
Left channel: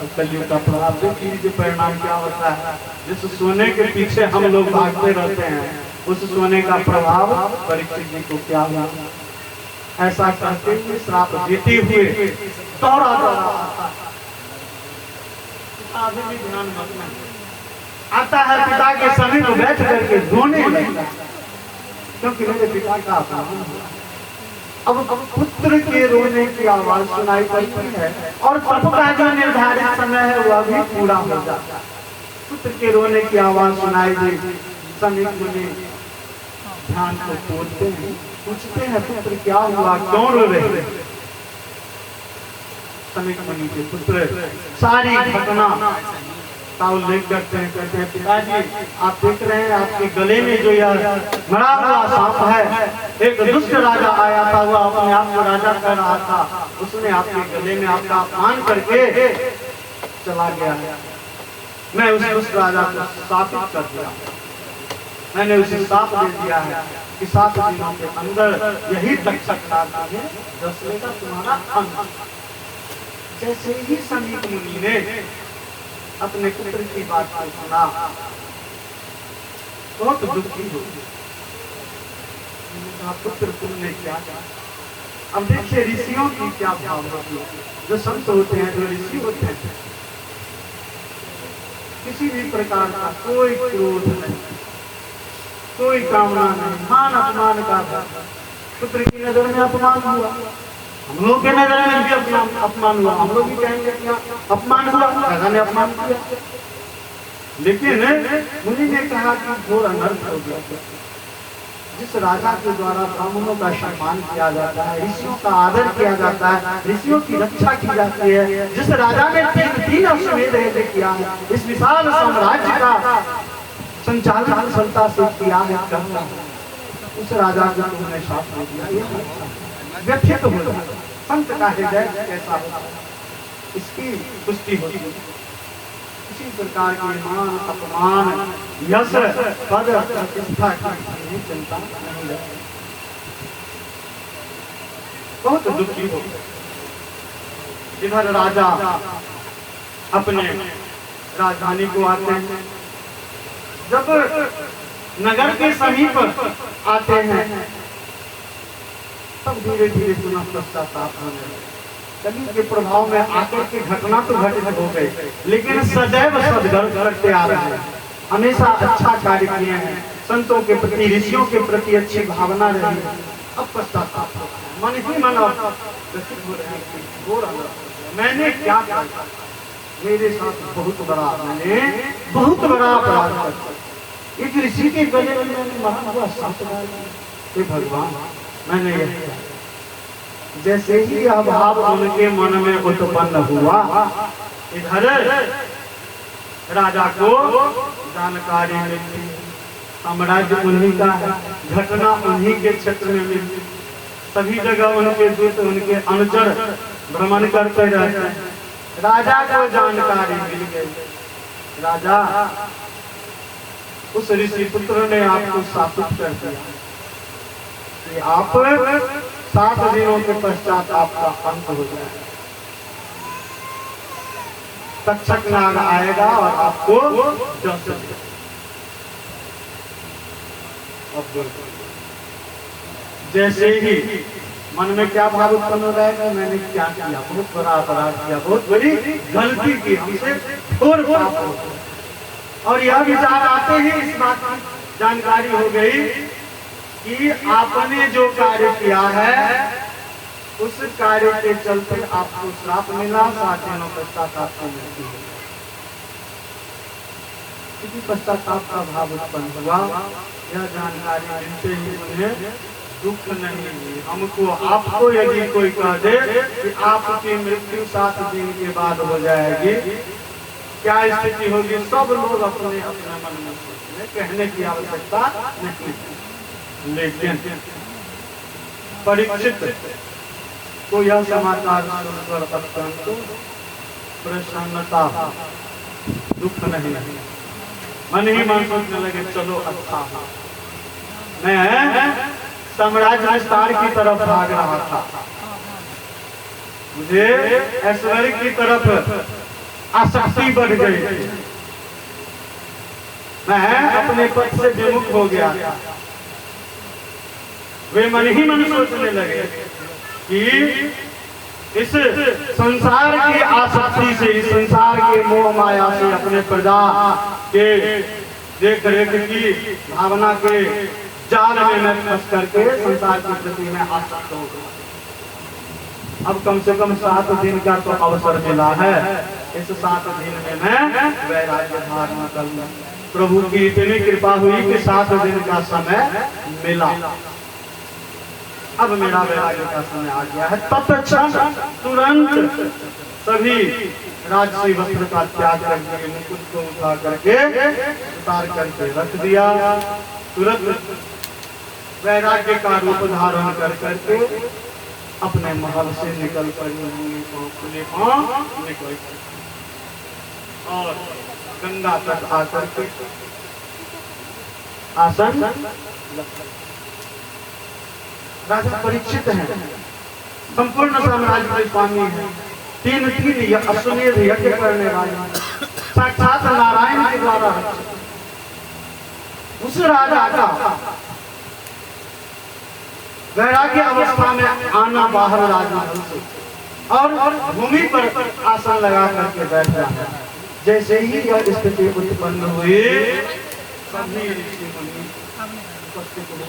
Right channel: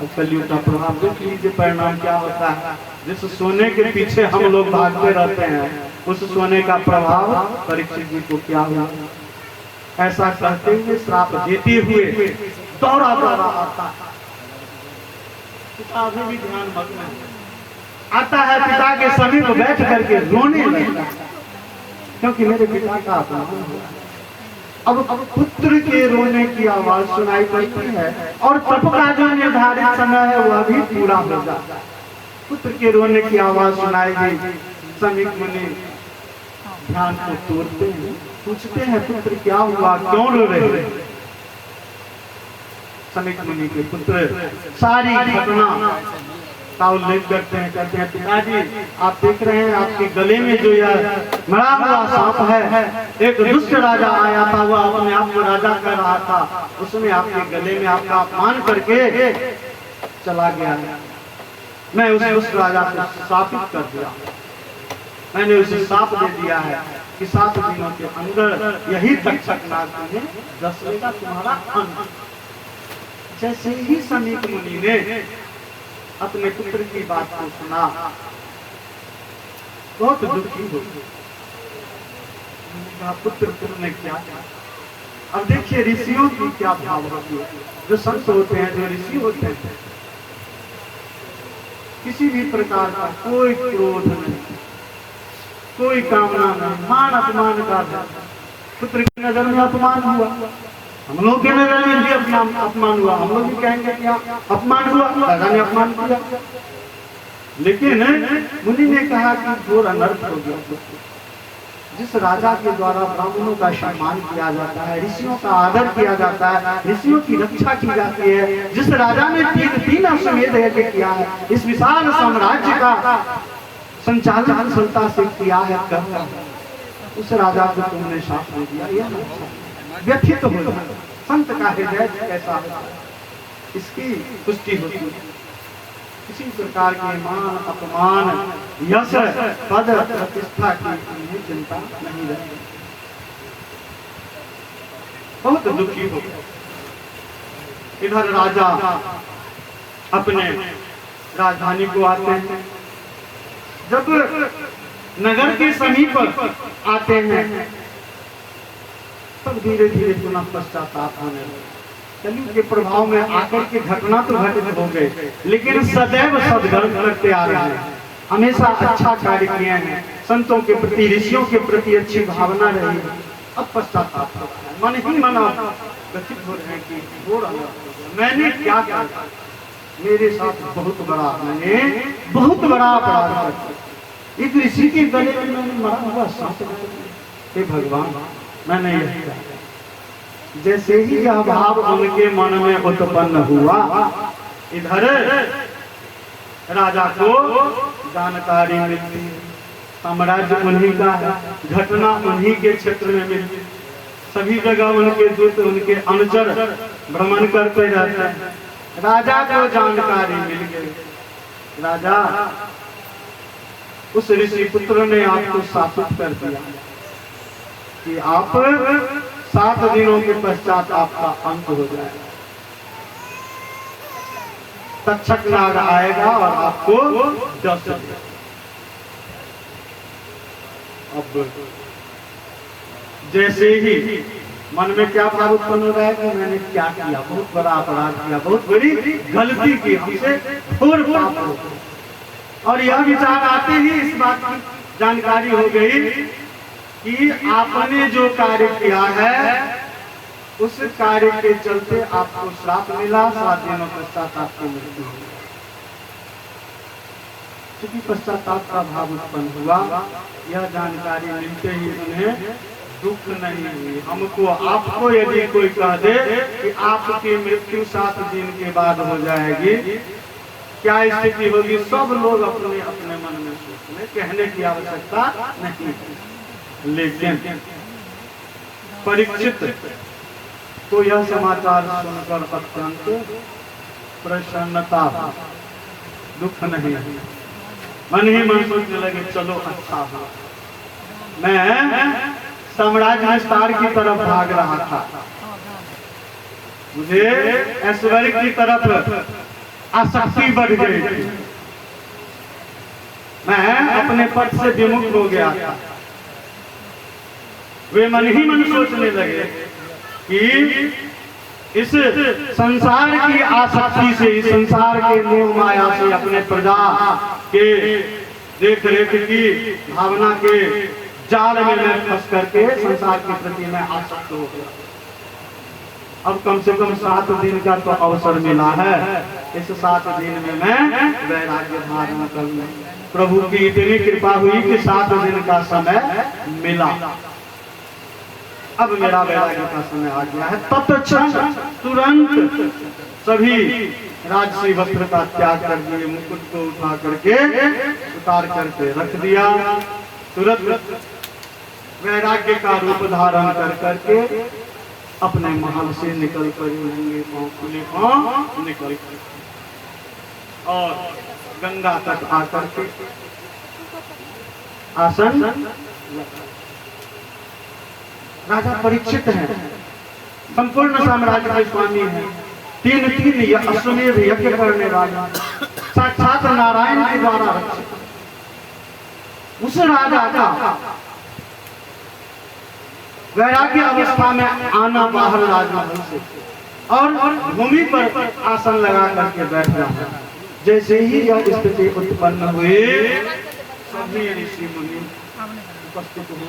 अब कलियुग का प्रभाव देखिए परिणाम क्या होता है। जिस सोने के पीछे हम लोग भागते रहते हैं, उस सोने का प्रभाव परीक्षित जी को क्या हुआ। ऐसा करते हुए श्राप देते हुए दौड़ा आता है। अभी भी ध्यान मग्न आता है, पिता के समीप बैठ करके रोने लगता, क्योंकि मेरे पिता का अपमान हुआ। अब पुत्र के रोने की आवाज सुनाई पड़ती है और तब का जो निर्धारित समय है वह भी पूरा हो जाता है। पुत्र के रोने की आवाज सुनाई दी, समीप मुनि ध्यान को तोड़ते हैं, पूछते हैं पुत्र क्या हुआ, क्यों रो रहे। समीप मुनि के पुत्र सारी घटना का उल्लेख करते हैं, कहते हैं पिताजी आप देख रहे हैं आपके गले में जो यह मरा हुआ सांप है, एक दुष्ट राजा आया था, वह अपने आप को राजा कर रहा था, उसने आपके गले में आपका अपमान करके चला गया। मैं उस राजा को शापित कर दिया, मैंने उसे साफ दे दिया है कि 7 दिनों के अंदर यही तक्षक नाग में डस लेगा तुम्हारा अंत। जैसे ही समीप मुनि ने अपने पुत्र की बात को सुना, बहुत दुखी हो गए। पुत्र तुमने क्या कहा। अब देखिए ऋषियों की क्या भाव होती है। जो संत होते हैं, जो ऋषि होते हैं, किसी भी प्रकार का कोई क्रोध नहीं, कोई कामना नहीं, मान अपमान का पुत्र की नजर में अपमान हुआ, हम लोग के नजर में भी अपमान हुआ, हम लोग भी कहेंगे कि अपमान हुआ, राजा ने अपमान किया। लेकिन मुनि ने कहा कि घोर अनर्थ हो गया। जिस राजा के द्वारा ब्राह्मणों का सम्मान किया जाता है, ऋषियों का आदर किया जाता है, ऋषियों की रक्षा की जाती है, जिस राजा ने 3 अश्वमेध यज्ञ किया है, इस विशाल साम्राज्य का संचालन सफलता से किया है, उस राजा को तुमने शाप दिया, ये व्यथित हो गया। संत का हृदय कैसा होता है, इसकी पुष्टि होती है। इसी प्रकार के मान अपमान यश पद प्रतिष्ठा की चिंता नहीं रहती, बहुत दुखी हो। इधर राजा अपने राजधानी को आते हैं, जब नगर के समीप आते हैं तब धीरे धीरे पुनः पश्चाताप होने लगे। कलियुग के प्रभाव में आकर के घटना तो घटित हो गए, लेकिन सदैव सद्गर्व करते आ रहे हैं, हमेशा अच्छा कार्य किए हैं, संतों के प्रति ऋषियों के प्रति अच्छी भावना रही है। अब पश्चाताप मन ही मन व्यथित हो रहे कि घोर अनर्थ हो गया, मैंने क्या किया, मेरे साथ मैंने बहुत बड़ा अपराध कर दिया। एक ऋषि के गले में मैंने मरा हुआ सांप मार दिया। हे भगवान मैंने यह किया। जैसे ही यह भाव उनके मन में उत्पन्न हुआ, इधर राजा को जानकारी मिली, साम्राज्य उन्हीं का है, घटना उन्हीं के क्षेत्र में मिली, सभी जगह उनके दूत उनके अनुचर भ्रमण करते रहते हैं। राजा को जानकारी मिल गई, राजा उस ऋषि पुत्र ने आपको शापित कर दिया, कि आप 7 दिनों के पश्चात आपका अंत हो जाएगा। तक्षक नाग आएगा और आपको डस देगा। अब जैसे ही मन में क्या भाव उत्पन्न हो जाएगा, मैंने क्या किया, बहुत बड़ा अपराध किया, बहुत बड़ी गलती की, हमसे थोड़ पाप हो गया। और यह विचार आते ही इस बात की जानकारी हो गई कि आपने जो कार्य किया है उस कार्य के चलते आपको श्राप मिला, 7 दिनों पश्चात आपको मृत्यु हुई। क्योंकि पश्चाताप का भाव उत्पन्न हुआ, यह जानकारी मिलते ही उन्हें दुख नहीं हुई। हमको आपको यदि कोई कह दे कि आपकी मृत्यु 7 दिन के बाद हो जाएगी, क्या स्थिति होगी? सब लोग अपने अपने मन में सोचेंगे, कहने की आवश्यकता नहीं। लेकिन परीक्षित तो यह समाचार सुनकर अत्यंत प्रसन्नता, दुख नहीं, मन ही मन सोचने लगे चलो अच्छा हो। मैं साम्राज्य विस्तार की तरफ भाग रहा था, मुझे ऐश्वर्य की तरफ आसक्ति बढ़ गई थी, मैं अपने पद से विमुख हो गया था। वे मन ही मन सोचने लगे कि इस संसार की आसक्ति से, इस संसार के मोह माया से, अपने प्रजा के देख रेख की भावना के जाल में मैं फंस करके संसार के प्रति मैं आसक्त हो गया। अब कम से कम 7 दिन का तो अवसर मिला है, इस 7 दिन में मैं वैराग्य धारण कर लूं। प्रभु की इतनी कृपा हुई कि 7 दिन का समय मिला। अब मेरा वैराग्य का समय आ गया है। तत्क्षण तुरंत सभी राजसी वस्त्र का त्याग कर दिए, मुकुट को उठा करके उतार करके रख दिया। तुरंत वैराग्य का रूप धारण कर करके अपने महल से निकल कर निकल और गंगा तक आकर के आसन राजा परीक्षित हैं, संपूर्ण साम्राज्य के स्वामी हैं, 3 अश्वमेध यज्ञ करने वाले, साक्षात नारायण के द्वारा रक्षित। उस राजा का वैराग्य अवस्था में आना बाहर राजमहल से और भूमि पर आसन लगा करके बैठ जाना। जैसे ही यह स्थिति उत्पन्न हुई, सभी ऋषि मुनि उपस्थित हुए।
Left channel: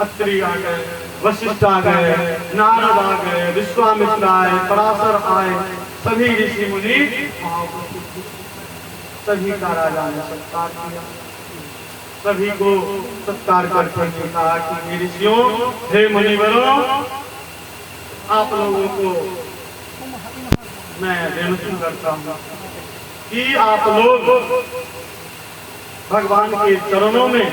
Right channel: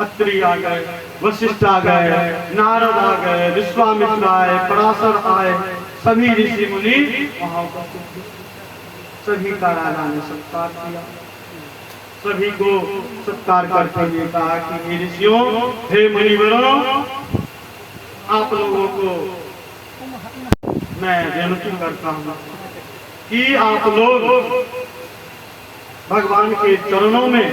अत्रि आ गए, वशिष्ठ आ गए, नारद आ गए, विश्वामित्र आए, पराशर आए, सभी ऋषि मुनि वहां उपस्थित थे। सभी का राजा ने सत्कार किया, सभी को सत्कार करते हुए कहा कि ऋषियों, हे मुनिवरों, आप लोगों को मैं विनती करता हूँ कि आप लोग भगवान के चरणों में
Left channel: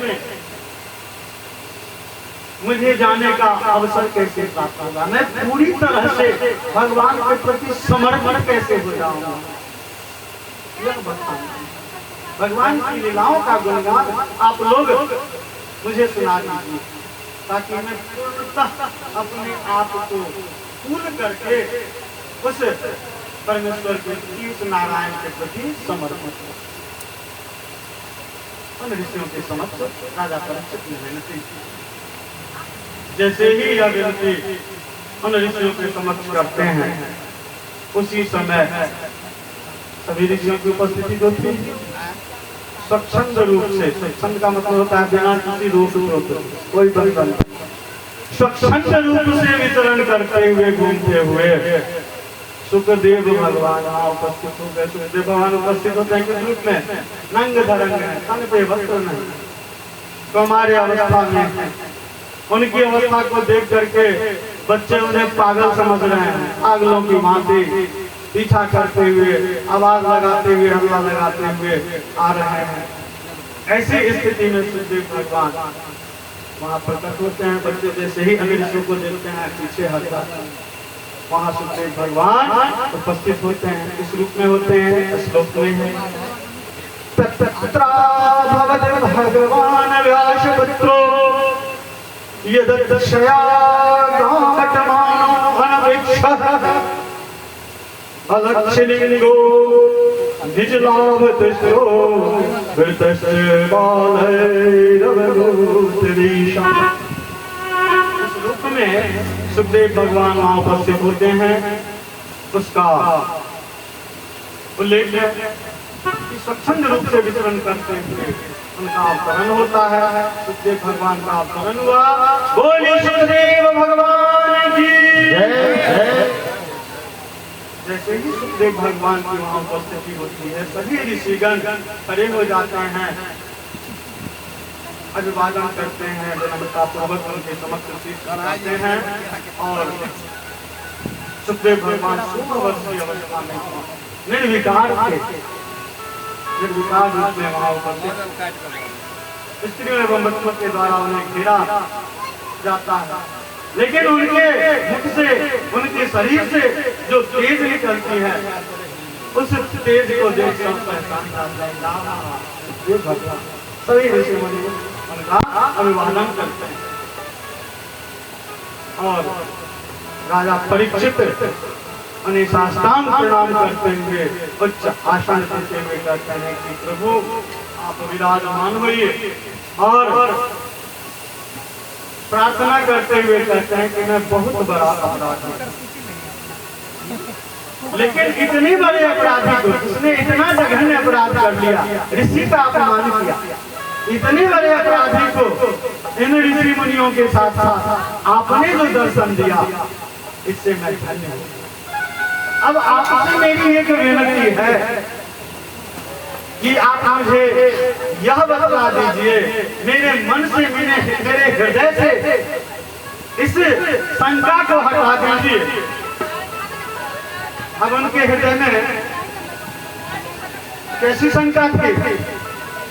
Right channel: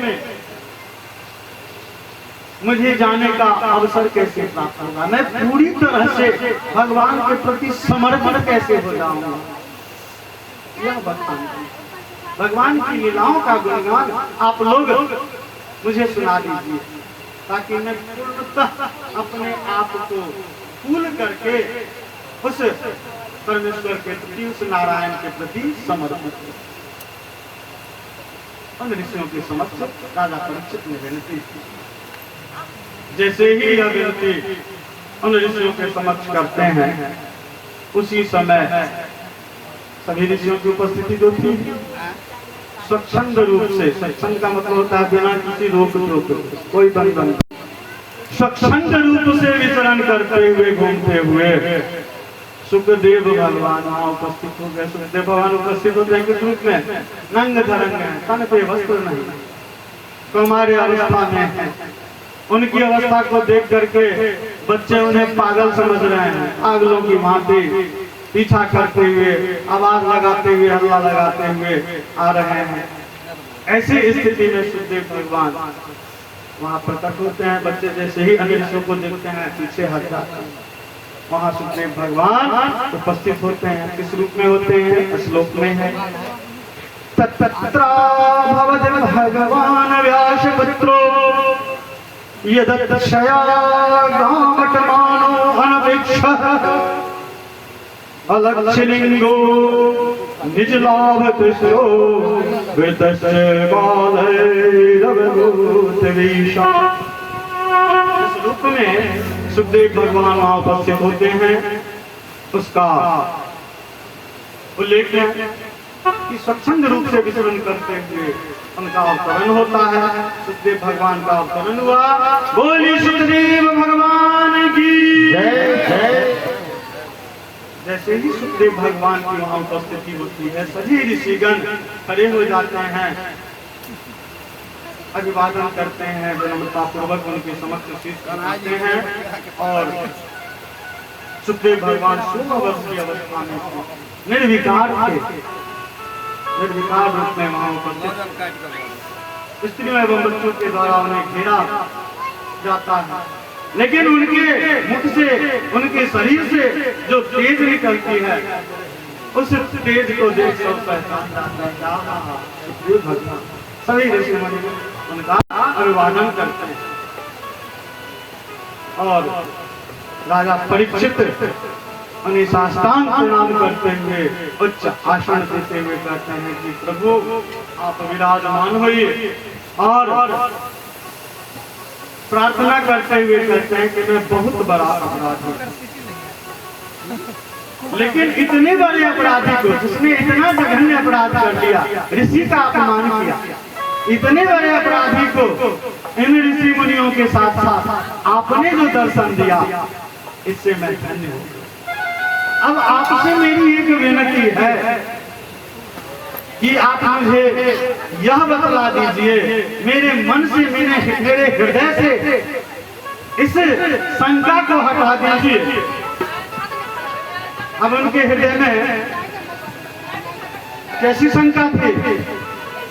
मुझे जाने का अवसर कैसे प्राप्त होगा, मैं पूरी तरह से भगवान के प्रति समर्पण कैसे हो जाऊंगा, यह बताना। भगवान की लीलाओं का गुणगान आप लोग मुझे सुना दीजिए, ताकि मैं अपने आप को फूल करके उस परमेश्वर के प्रति, उस नारायण के प्रति समर्पित करूं। उन ऋषियों के समक्ष राजा परीक्षित ने विनती। जैसे ही यह विनती उन ऋषियों के समक्ष करते हैं, उसी समय सभी ऋषियों की उपस्थिति जो थी स्वच्छंद रूप से, स्वच्छंद का मतलब होता है बिना किसी रोक टोक, कोई बंधन, स्वच्छंद रूप से विचरण करते हुए, घूमते हुए सुखदेव भगवान वहाँ उपस्थित हो गए। सुखदेव भगवान उपस्थित होते हैं किस रूप में? नंग धरंग है, तन पे वस्त्र नहीं, हमारे अवस्था में। उनकी अवस्था को देख करके बच्चे उन्हें पागल समझ रहे हैं, पागलों की भांति पीछा करते हुए, आवाज लगाते हुए, हल्ला लगाते हुए आ रहे हैं। ऐसी स्थिति में सुखदेव भगवान वहाँ प्रकट होते हैं। बच्चे जैसे ही अन्य ऋषियों को देखते हैं पीछे हट जाते हैं। वहाँ सुखदेव भगवान उपस्थित होते हैं। किस रूप में होते हैं? श्लोक में है, तत्र भगवान व्यासपुत्रो यदक्षया गामटमानो अनपेक्षः अलक्षलिंगो निजलाभतस्यो वृतस्य बालैरवगोत्रीशम्। इस रूप में सुखदेव भगवान वहां उपस्थित होते हैं। उसका उल्लेख है कि स्वच्छंद रूप से विचरण करते हुए उनका अवतरण होता है। सुखदेव भगवान का अवतरण हुआ। बोलिए सुखदेव भगवान की जय। जैसे ही सुखदेव भगवान की वहां उपस्थिति होती है, सभी ऋषिगण खड़े हो जाते हैं, अभिवादन करते हैं, विनम्रता पूर्वक उनके समक्ष शीश करते हैं और सुखदेव भगवान 16 वर्ष की अवस्था में निर्विकार थे, निर्विकार रूप में वहां उपस्थित। स्त्रियों एवं बच्चों के द्वारा उन्हें घेरा जाता है, लेकिन उनके मुख से, उनके शरीर से जो तेज निकलती है, उस तेज को देख सब पहचानता है। सभी ऋषि मुनि उनका अभिवादन करते हैं और राजा परीक्षित उन्हें साष्टांग प्रणाम करते हुए उच्च आसन देते हुए कहते हैं कि प्रभु आप विराजमान होइए, और प्रार्थना करते हुए कहते हैं कि मैं बहुत बड़ा अपराधी, लेकिन इतने बड़े अपराधी को, जिसने इतना जघन्य अपराध कर लिया, ऋषि का अपमान किया, इतने बड़े अपराधी को इन ऋषि मुनियों के साथ साथ आपने जो दर्शन दिया, इससे मैं धन्य हूं। अब आपसे मेरी एक विनती है कि आप मुझे यह बतला दीजिए, मेरे मन से, मेरे हृदय से इस शंका को हटा दीजिए। अब उनके हृदय में कैसी शंका थी?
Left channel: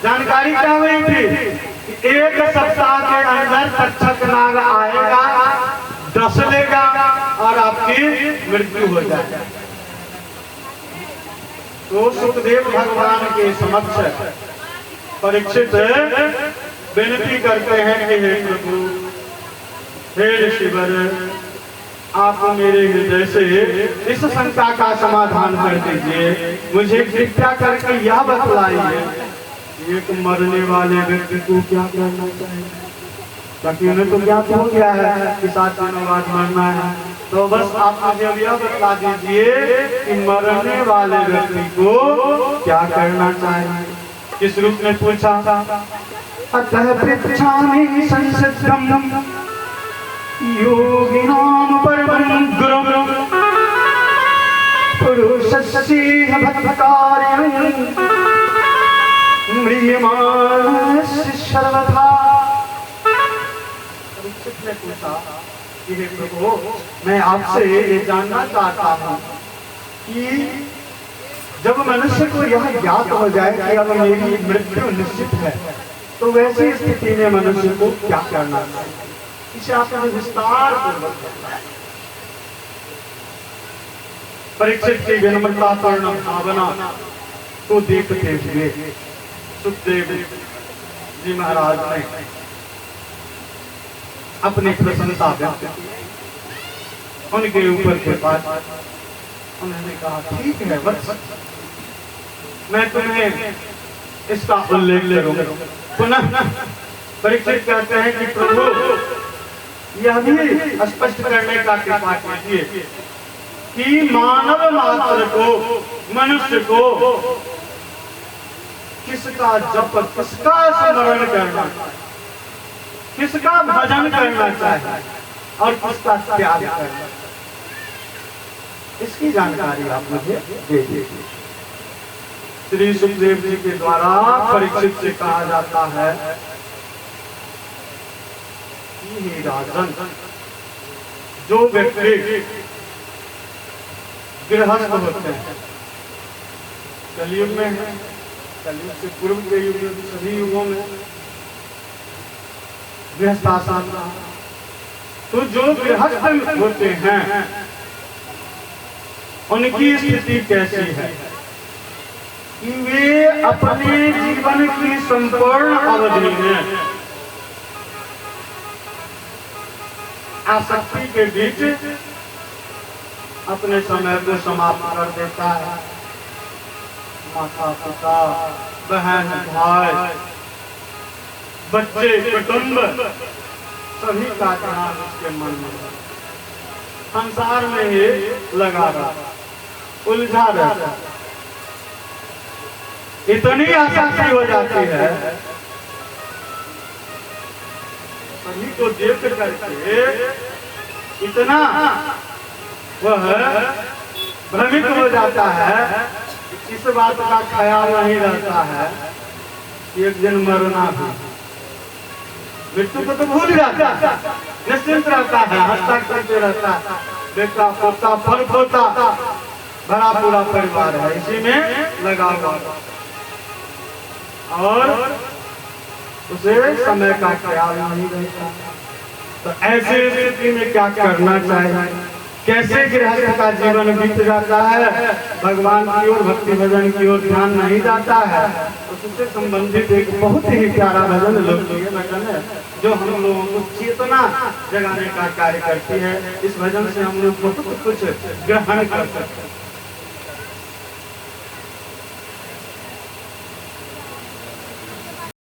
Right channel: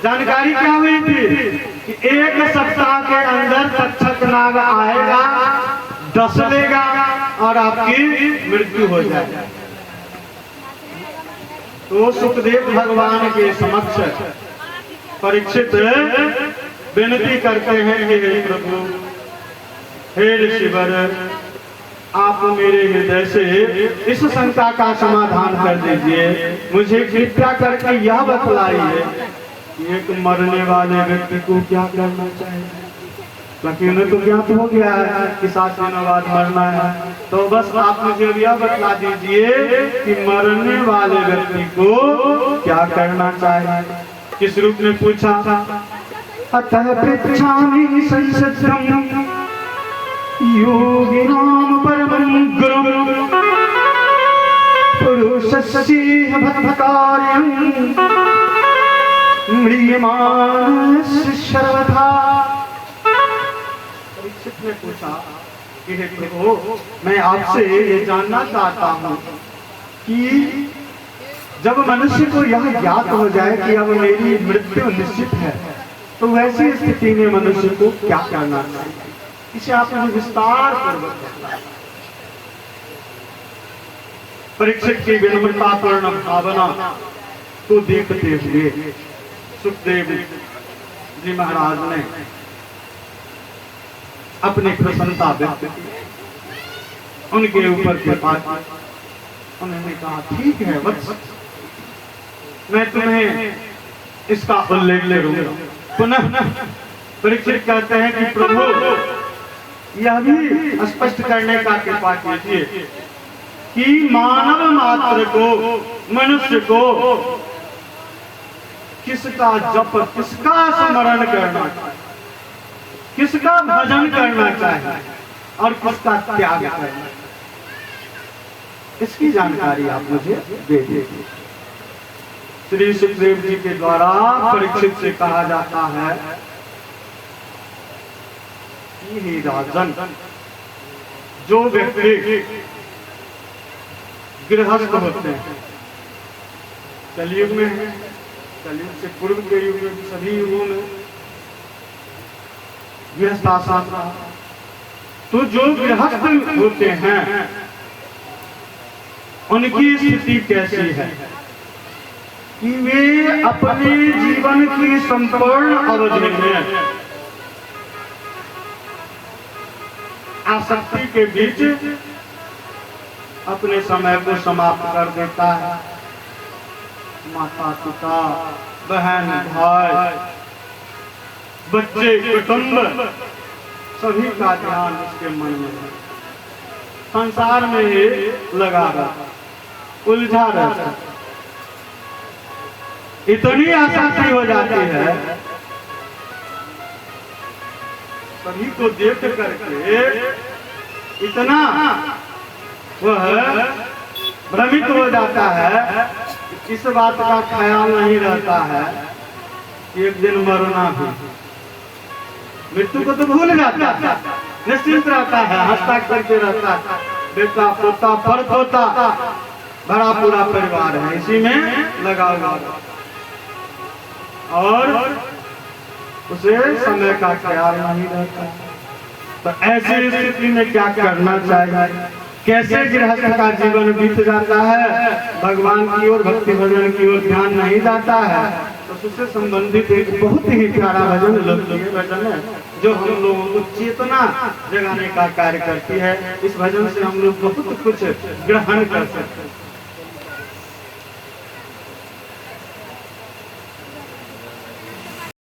जानकारी क्या हुई थी कि 1 सप्ताह के अंदर तक्षक नाग आएगा, डस लेगा और आपकी मृत्यु हो जाएगी। तो सुखदेव भगवान के समक्ष परीक्षित विनती करते हैं कि हे प्रभु, हे ऋषिवर, आप मेरे हृदय से इस शंका का समाधान कर दीजिए। मुझे कृपया करके यह बतलाइए, एक मरने वाले व्यक्ति को क्या करना चाहिए, क्योंकि उन्हें तो ज्ञात हो गया है कि 7 दिनों बाद मरना है। तो बस आप मुझे यह बतला दीजिए कि मरने वाले व्यक्ति को क्या करना चाहिए। किस रूप में पूछा? अतः पृच्छामि संसिद्धं योगिनां परमं गुरुं पुरुषस्य भक्तकार्यं म्रियमाणस्य सर्वथा। परीक्षित ने पूछा कि हे प्रभु, मैं आपसे ये जानना चाहता हूँ कि जब मनुष्य को यह ज्ञात हो जाए कि अब मेरी मृत्यु निश्चित है, तो वैसी स्थिति में मनुष्य को क्या करना चाहिए? इसे आप मुझे विस्तार पूर्वक बताएं। परीक्षित की विनम्रतापूर्ण भावना को देखते हुए सुखदेव जी महाराज ने अपनी प्रसन्नता व्यक्त की, उनके ऊपर कृपा की। उन्होंने कहा, ठीक है वत्स, मैं तुम्हें इसका उल्लेख करूंगा। पुनः परीक्षित करते हैं कि प्रभु, यह भी स्पष्ट करने का कृपा कीजिए कि मानव मात्र को, मनुष्य को किसका जप, किसका स्मरण करना, किसका भजन करना चाहिए और किसका त्याग करना, इसकी जानकारी आप मुझे दे दीजिए। श्री सुखदेव जी के द्वारा परीक्षित से कहा जाता है कि हे राजन, जो व्यक्ति गृहस्थ होते हैं, कलयुग में है, कलयुग से पूर्व के युग में, सभी युगों में गृहस्थ आसान था। तो जो गृहस्थ होते हैं उनकी स्थिति कैसी है कि वे अपने जीवन की संपूर्ण अवधि में आसक्ति के बीच अपने समय को समाप्त कर देता है। माता पिता, बहन भाई, बच्चे, कुटुंब सभी का ध्यान उसके मन में है। संसार में ही लगा रहता, उलझा रहता। इतनी आसक्ति हो जाती है, सभी को देख करके इतना वह भ्रमित हो जाता है, इस बात का ख्याल नहीं रहता है कि एक दिन मरना भी, मृत्यु को तो भूल जाता है, निश्चिंत रहता है, हंसता करते रहता है, बेटा पोता फल पोता बड़ा पूरा परिवार है, इसी में लगा हुआ और उसे समय का ख्याल नहीं रहता। तो ऐसी स्थिति में क्या करना चाहिए, कैसे गृहस्थ का जीवन बीत जाता है, भगवान की ओर भक्ति भजन की ओर ध्यान नहीं जाता है। उससे संबंधित एक बहुत ही प्यारा भजन लोकप्रिय भजन है जो हम लोगों को चेतना जगाने का कार्य करती है। इस भजन से हम लोग बहुत कुछ ग्रहण कर सकते हैं।